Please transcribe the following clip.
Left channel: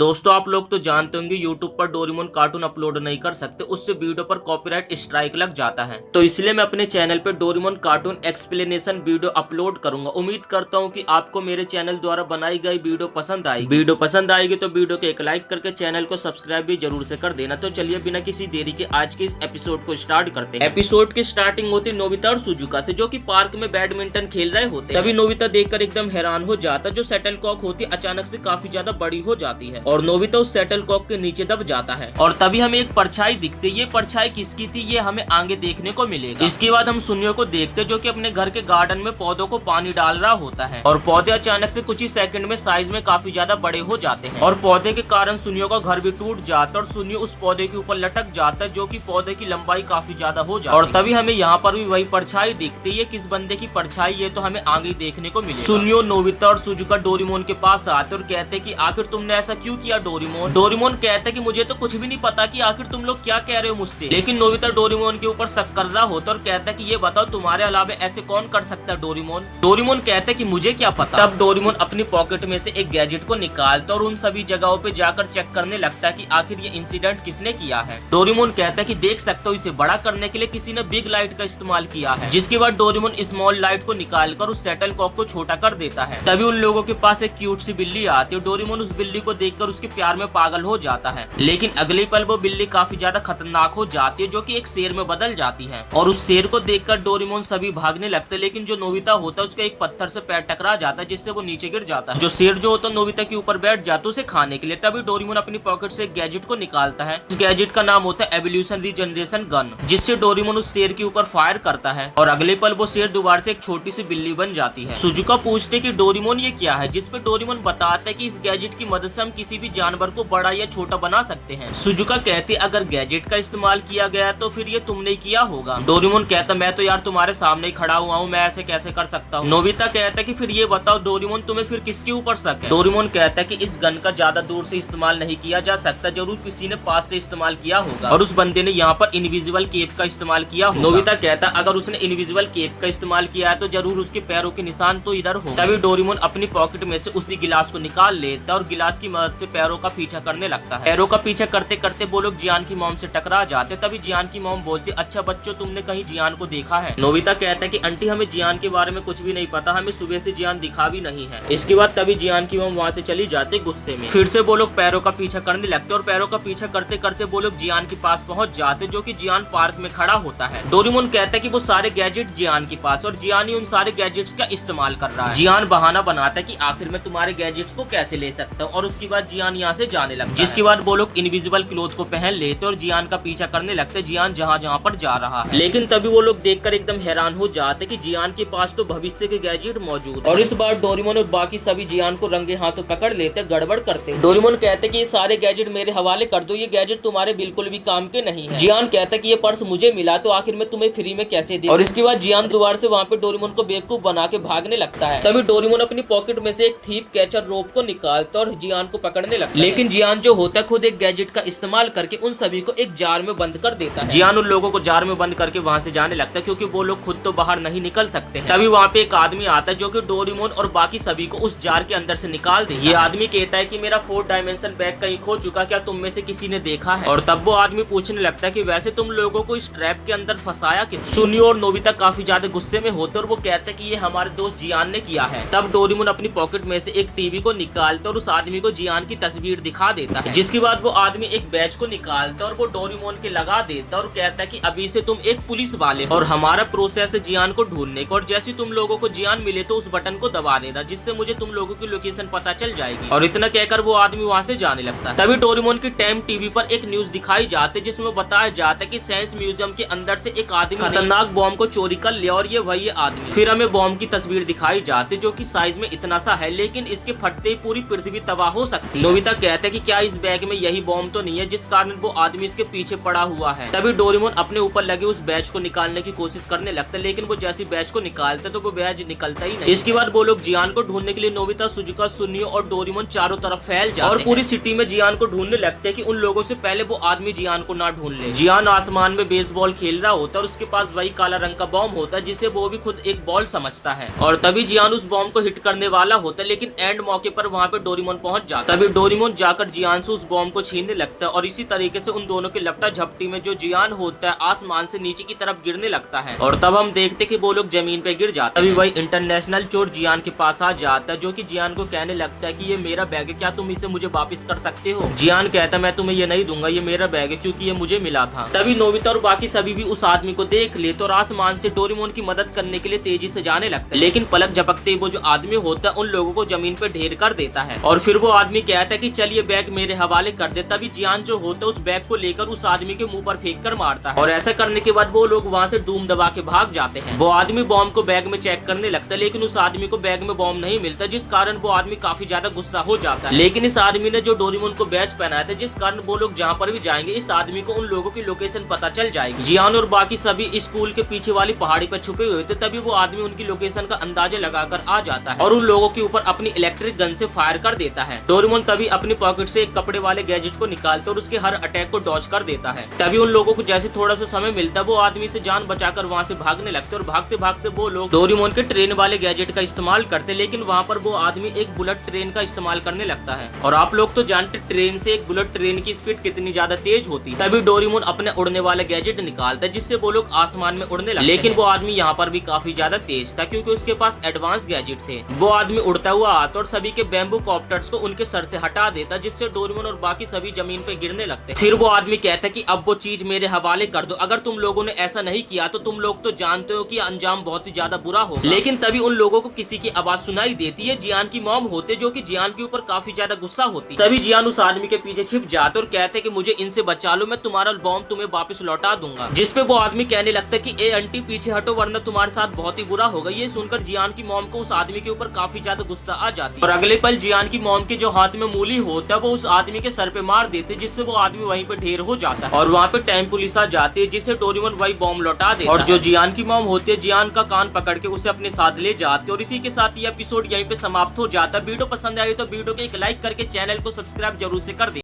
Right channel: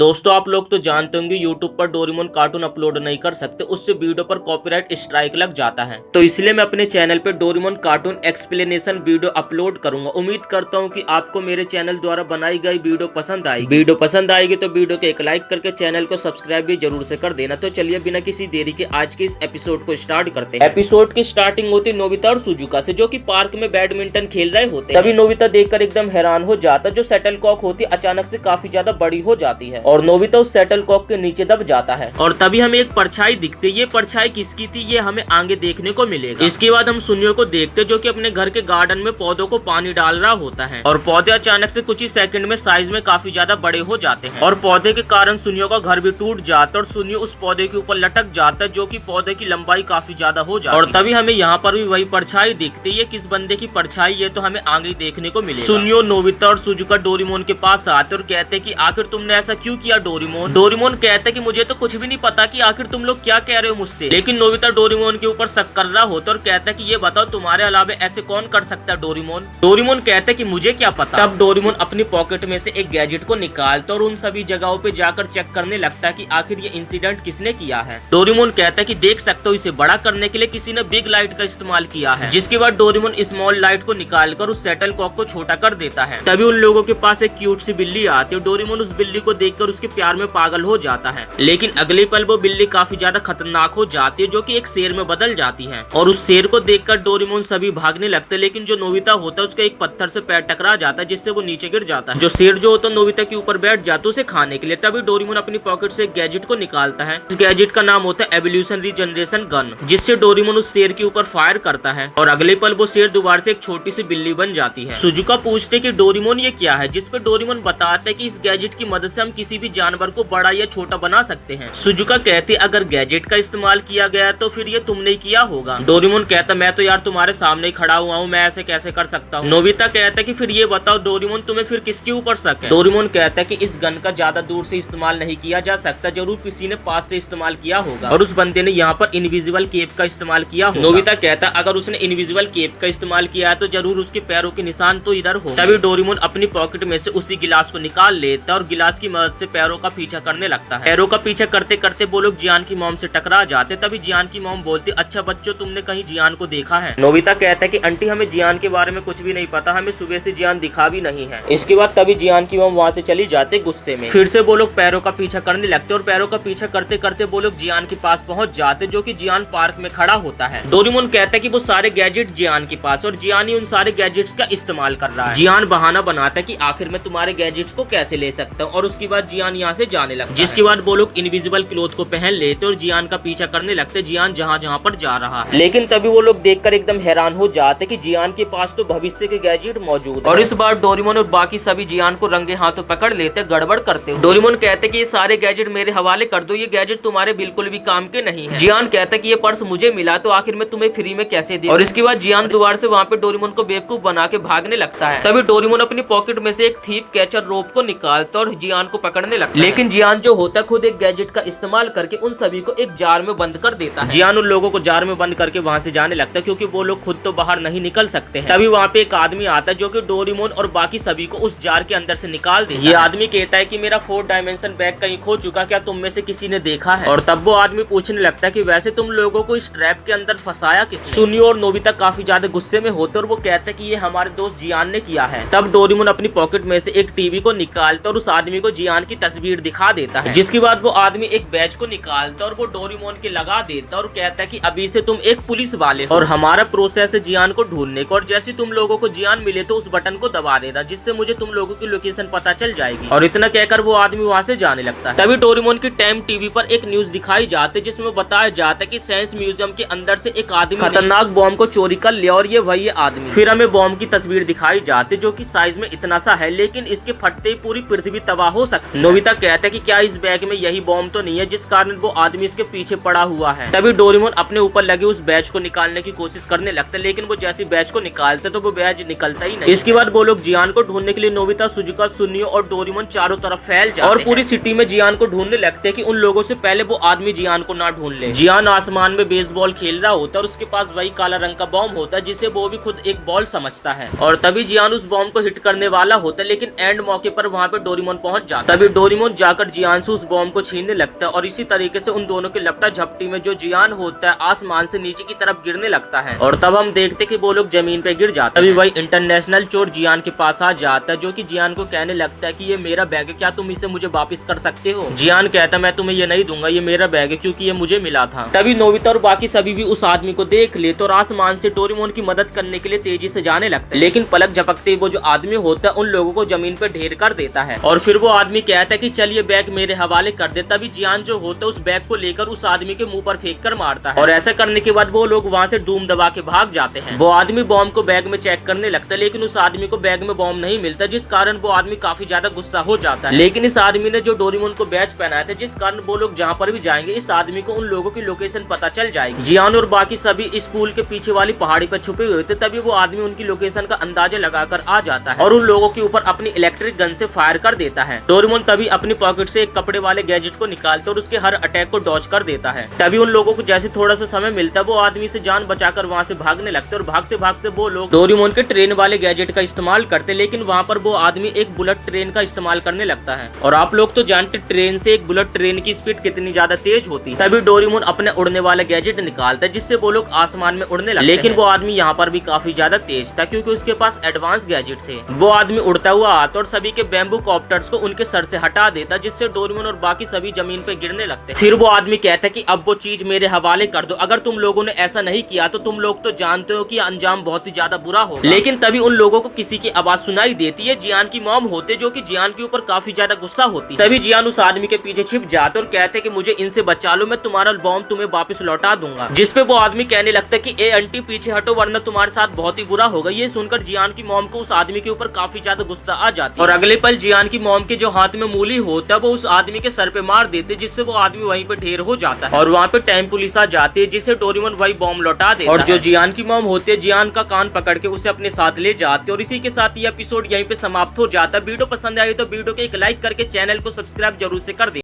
दोस्तों आप लोग तो जानते होंगे YouTube पर डोरेमोन कार्टून अपलोड नहीं कर सकते, उससे वीडियो पर कॉपीराइट स्ट्राइक लग जाता है। तो इसलिए मैं अपने चैनल पे Doraemon cartoon explanation video upload करूंगा। उम्मीद करता हूं कि आपको मेरे चैनल द्वारा बनाई गई वीडियो पसंद आएगी। तो वीडियो को एक लाइक करके चैनल को सब्सक्राइब भी जरूर से कर देना। तो चलिए बिना किसी देरी के आज के इस एपिसोड को स्टार्ट करते हैं। एपिसोड की स्टार्टिंग होती नोबिता और सुजुका से, जो की पार्क में बैडमिंटन खेल रहे होते हैं। तभी नोबिता देखकर एकदम हैरान हो जाता, जो शटल कॉक होती अचानक से काफी ज्यादा बड़ी हो जाती है और नोबिता उस शटल कॉक के नीचे दब जाता है। और तभी हमें एक परछाई दिखती है। ये परछाई किसकी थी ये हमें आगे देखने को मिलेगा। इसके बाद हम सुनियो को देखते जो कि अपने घर के गार्डन में पौधों को पानी डाल रहा होता है और पौधे अचानक से कुछ ही सेकंड में साइज में काफी ज्यादा बड़े हो जाते हैं और पौधे के कारण सुनियो का घर भी टूट जाता है और सुनियो उस पौधे के ऊपर लटक जाता है, जो कि पौधे की लंबाई काफी ज्यादा हो जाती है। और तभी हमें यहाँ पर भी वही परछाई दिखती है। किस बंदे की परछाई ये तो हमें आगे देखने को मिलेगा। सुनियो, नोबिता और सुजुका डोरेमोन के पास आते और कहते कि आखिर तुमने ऐसा क्यों किया डोरेमोन। डोरेमोन कहता कि मुझे तो कुछ भी नहीं पता कि आखिर तुम लोग क्या कह रहे हो मुझसे। लेकिन नोबिता डोरेमोन के ऊपर शक कर रहा होता और कहता कि ये बताओ तुम्हारे अलावा ऐसे कौन कर सकता है डोरेमोन। डोरेमोन कहता कि मुझे क्या पता। तब डोरेमोन अपनी पॉकेट में से एक गैजेट को निकालता और उन सभी जगहों पे जाकर चेक करने लगता है कि आखिर ये इंसिडेंट किसने किया है। डोरेमोन कहता है कि देख सकते हो इसे बड़ा करने के लिए किसी ने बिग लाइट का इस्तेमाल किया है। जिसके बाद डोरेमोन स्मॉल लाइट को निकालकर उस शटल कॉक को छोटा कर देता है। तभी उन लोगों के पास एक क्यूट सी बिल्ली आती है। डोरेमोन उस बिल्ली को देखकर उसके प्यार में पागल हो जाता है, लेकिन अगले पल वो बिल्ली काफी ज्यादा खतरनाक हो जाती है, जो कि एक शेर में बदल जाती है और उस शेर को देखकर डोरेमोन सभी भागने लगते हैं। लेकिन जो नोबिता होता है उसका एक पत्थर से पैर टकरा जाता है, जिससे वो नीचे गिर जाता है। जो शेर जो होता है नोबिता के ऊपर बैठ जाता है उसे खाने के लिए। तभी डोरेमोन अपनी पॉकेट से एक गैजेट को निकालता है। इस गैजेट का नाम होता है एवोल्यूशन रीजनरेशन गन, जिससे डोरेमोन उस शेर के ऊपर फायर करता है और अगले पल वो शेर दोबारा से एक छोटी सी बिल्ली बन जाती है। सुजुका पूछते कि डोरेमोन ये क्या है, जिसपे डोरेमोन बताता है कि इस गैजेट की मदद से हम किसी भी जानवर को बड़ा या छोटा बना सकते हैं। सुजुका कहती अगर गैजेट का इस्तेमाल किया गया तो फिर ये तुमने किया होगा। डोरेमोन कहता मैं तो यार तुम्हारे सामने ही खड़ा हुआ हूँ, मैं ऐसे कैसे कर सकता हूँ। नोबिता कहता कि फिर ये बताओ डोरेमोन तुम्हें फिर किसके ऊपर शक है। डोरेमोन कहता कि इस गन का ज्यादा दूर से इस्तेमाल नहीं किया जा सकता, जरूर किसी ने पास से इस्तेमाल किया होगा और उस बंदे ने यहाँ पर इनविजिबल केप का इस्तेमाल किया होगा। नोबिता कहता अगर उसने इनविजिबल केप का इस्तेमाल किया है तो जरूर उसके पैरों के निशान तो इधर हो। तभी डोरेमोन अपनी पॉकेट में से उसी गिलास को निकाल लेता और गिलास की मदद से पैरों का पीछा करने लगता है। पैरों का पीछा करते करते वो लोग जियान की मॉम से टकरा जाते। तभी जियान की मॉम बोलती अच्छा बच्चों तुमने कहीं जियान को देखा है। नोबिता कहता है कि आंटी हमें जियान के बारे में कुछ भी नहीं पता, हमें सुबह से जियान दिखा भी नहीं है। इसके बाद तभी जियान की मॉम वहाँ से चली जाते गुस्से में। फिर से वो लोग पैरों का पीछा करने लगते और पैरों का पीछा करते करते वो लोग जियान के पास पहुँच जाते, जो कि जियान पार्क में खड़ा होता है। डोरेमोन कहता है कि वो सारे गैजेट जियान के पास और जियान ही उन सारे गैजेट्स का इस्तेमाल कर रहा है। जियान बहाना बनाता है कि आखिर में तुम्हारे गैजेट्स को कैसे ले सकता हूँ और उसके बाद जियान यहाँ से जाने लगता है। जिसके बाद वो लोग इनविजिबल क्लोथ को पहन लेते और जियान का पीछा करने लगते जियान जहाँ जहाँ पर जा रहा है। लेकिन तभी वो लोग देखकर एकदम हैरान हो जाते कि जियान के पास तो भविष्य के गैजेट मौजूद है। और इस बार डोरेमोन और बाकी सभी जियान को रंगे हाथों पकड़ लेते गड़बड़ करते। डोरेमोन कहते कि ये सारे गैजेट मेरे हवाले कर दो, ये गैजेट तुम्हारे बिल्कुल भी काम के नहीं है। जियान कहता कि ये पर्स मुझे मिला तो आखिर में तुम्हें फ्री में कैसे दे। और इसके बाद जियान दोबारा से वहाँ पे डोरेमोन को बेवकूफ बना के भागने लगता है। तभी डोरेमोन अपनी पॉकेट में से एक थीप कैचर रोप को निकालता और जियान को पकड़ने लगता है। लेकिन जियान जो होता खुद एक गैजेट का इस्तेमाल करके उन सभी को एक जार में बंद कर देता है। जियान उन लोगों को जार में बंद करके वहाँ से जाने लगता है, क्योंकि वो लोग खुद तो बाहर नहीं निकल सकते हैं। तभी वहाँ पे एक आदमी आता है जो कि डोरेमोन और बाकी सभी को उस जार के अंदर से निकाल देता है। ये आदमी कहता है कि मेरा 4 डायमेंशन बैग कहीं खो चुका, क्या तुम में से किसी ने देखा है। और तब वो आदमी पूछने लगता है कि वैसे तुम लोगों को इस ट्रैप के अंदर फंसाया किसने। सुनियो और नोबिता काफी ज्यादा गुस्से में होते और वो कहते हैं कि ये हमारे दोस्त जियान ने किया है। तब डोरेमोन अपनी पॉकेट में से एक टीवी को निकालता और उस आदमी को जियान की तस्वीर दिखा देता है। जिसके बाद वो आदमी एक बैच को निकालता और वो डोरेमोन के लगा देता और कहता है कि अभी से तुम एक पुलिस वाले हो और हमारा प्रोसेस है जियान को ढूंढने का, और जैसे तुम लोगों को जियान मिले तो उस बटन को दबा देना, जिससे मुझे तुम लोगों की लोकेशन पता चल जाएगी। और इतना कहकर वो आदमी वहाँ से जाने लगता है। तभी डोरेमोन की टाइम टीवी पर एक न्यूज दिखाई जाती, जिसमें बताया जाता है कि साइंस म्यूजियम के अंदर से एक आदमी खतरनाक बॉम्ब को चोरी कर लिया और ये वही आदमी। फिर हमें बॉम्ब की तस्वीर दिखाई जाती, जो कि साइज में इतना सा है, लेकिन इसके फटते ही पूरी पृथ्वी तबाह हो सकती है। नोबिता कहता है कि क्या इस बैग में यही बॉम्ब तो नहीं है जिस कारण वो आदमी इसके पीछे पड़ा हुआ है। तभी डोरेमोन अपने ऊपर लगे उस बैच को निकालने की कोशिश करने लगता है, लेकिन वो जैसी बैच को निकालते तो वो बैच निकलता ही नहीं। इसके बाद वो लोग जियान को ढूंढने के लिए नोबिता, सुजुका, सुनियो और डोरेमोन चारों तरफ फैल जाते हैं और पूरी सिटी में जियान को ढूंढने लगते हैं कि उन लोगों से पहले वो आदमी जियान को ना ढूंढ ले। जियान आसमान में बेसबॉल खेल रहा होता है और उसके पास वही काला रंग का बॉम्ब होता है, जिसे वो भी खुद एक बॉल समझता है। और तभी जियान उस बॉम्ब को हिट करने वाला होता है, लेकिन एंड मौके पर वहाँ पे डोरेमोन पहुंच जाता है। तभी डोरेमोन जाकर जियान से उस बॉम्ब को छीनने लगता है और इसी तरीके से उन दोनों की लपटा झपटी में जो जियान होता है आसमान से नीचे की तरफ गिरने लगता है और तब हम देखते कि वो लोग जमीन पे गिर जाते हैं। तभी वही इंटरनेशनल चोर जियान के पास आ जाता है जो कि जियान को कहने लगता है कि ये मेरा बैग है, क्या तुम इसे मुझे वापस कर सकते हो। जियान कहता है मैं तुम्हें ये नहीं दूंगा, ये मेरा बैग है क्योंकि ये मुझे मिला था। तभी नोबिता और बाकी सभी भी उस आदमी को देख लेते और आसमान से डोरेमोन की मदद करने के लिए तेजी से जाने लगते हैं, लेकिन पलक झपकते वो जो आदमी होता है उन लोगों को जमीन पे ढेर कर देता है और फिर वो आदमी कहता है कि चलिए बैग मेरे हवाले कर दे। तभी जियान जो होता है उस बैग को लेकर उस आदमी के मुंह पर फेंक कर मारता है और ऐसा करने के बाद वो लोग वहाँ से डूम दबा के भाग जाते हैं। वो आदमी बॉम्ब को बैग में चेक करने लगता है लेकिन उस आदमी को बैग में बॉम्ब नहीं मिलता, जिस कारण वो आदमी काफी ज्यादा गुस्सा हो जाता है। लेकिन इस आदमी ने जो डोरेमोन को बैच पहनाया था, जिस कारण वो लोग जहाँ पर भी जाएंगे इस आदमी को उन लोगों की लोकेशन पता चल जाएगी। जियान और बाकी सभी स्कूल के पीछे वाली पहाड़ी पर छुपे हुए थे, तभी वो आदमी उनकी लोकेशन का अंदाजा लगाकर आ जाता है और उन लोगों के ऊपर अपनी इलेक्ट्रिक गन से फायर कर देता है। डोरेमोन तभी अपनी पॉकेट से एक कपड़े वाले गैजेट को निकालता और उसके हर अटैक को डॉज कर देता है। तभी उन लोगों को जैसे थोड़ा सा समय मिलता है वो आदमी से जान बचाकर वहाँ से भागने लगते और भागते भागते वो लोग डोरेमोन के ट्रेन वाले गैजेट का इस्तेमाल करते, लेकिन वहाँ पर वो आदमी एक बुलेट ट्रेन का इस्तेमाल करने लगता है और आप लोग तो जानते ट्रेन से एक बुलेट ट्रेन की स्पीड कितनी ज्यादा तेज होती है। तभी डोरेमोन अपने उड़ने वाला गैजेट निकालता है जिससे वो लोग आसमान में उड़ने लगते, लेकिन वो आदमी यहाँ पर भी काफी ज्यादा तेज था क्योंकि उसके पास एडवांस गैजेट थे। वो आदमी उड़ता हुआ आता और सभी के बैम्बू कॉप्टर्स को उनके सर से हटा देता, जिससे डोरेमोन और बाकी सभी जमीन पे गिरने लगते। फिर वो आदमी कहता है कि अब वो चीज मेरे हवाले कर दो, अगर तुम लोगों ने ऐसा नहीं किया तो तुम लोग तो जानते हो कि अंजाम बहुत ही ज्यादा बुरा होगा। लेकिन तभी उन लोगों को किसी की आवाज सुनाई देती है, जियान की मॉम होते जो कि जियान के ऊपर काफी ज्यादा गुस्सा होती। तभी जियान उस आदमी के पीछे छिप जाते और कहते कि मुझे इनसे बचा लो, मैं तुम्हारा बॉम्ब तुम्हें वापस लौटा दूंगा। जिसपे वो आदमी कहने लगता है कि ए आंटी पीछे हटो वरना तुम्हारे साथ बहुत ही बुरा होगा। ये सुनकर जियान की मॉम को उस आदमी के ऊपर काफी ज्यादा गुस्सा आ जाती है और अगले पल जियान की मॉम के जो हाथ में मूली होता है वो उस आदमी के सर पे मार देते, जिससे वो आदमी वहीं पे ढेर हो जाता है और वहाँ पे टाइम पुलिस आ जाती है, जिससे डोरेमोन वही बॉम्ब लौटा देता है और जो जियान की मॉम होती है जियान का कान पकड़ के उसे अपने साथ ले जाते और इसी के साथ ये एपिसोड यहीं पे समाप्त हो जाता है। वीडियो पसंद आई तो वीडियो को एक लाइक करके चैनल को सब्सक्राइब जरूर से कर दे।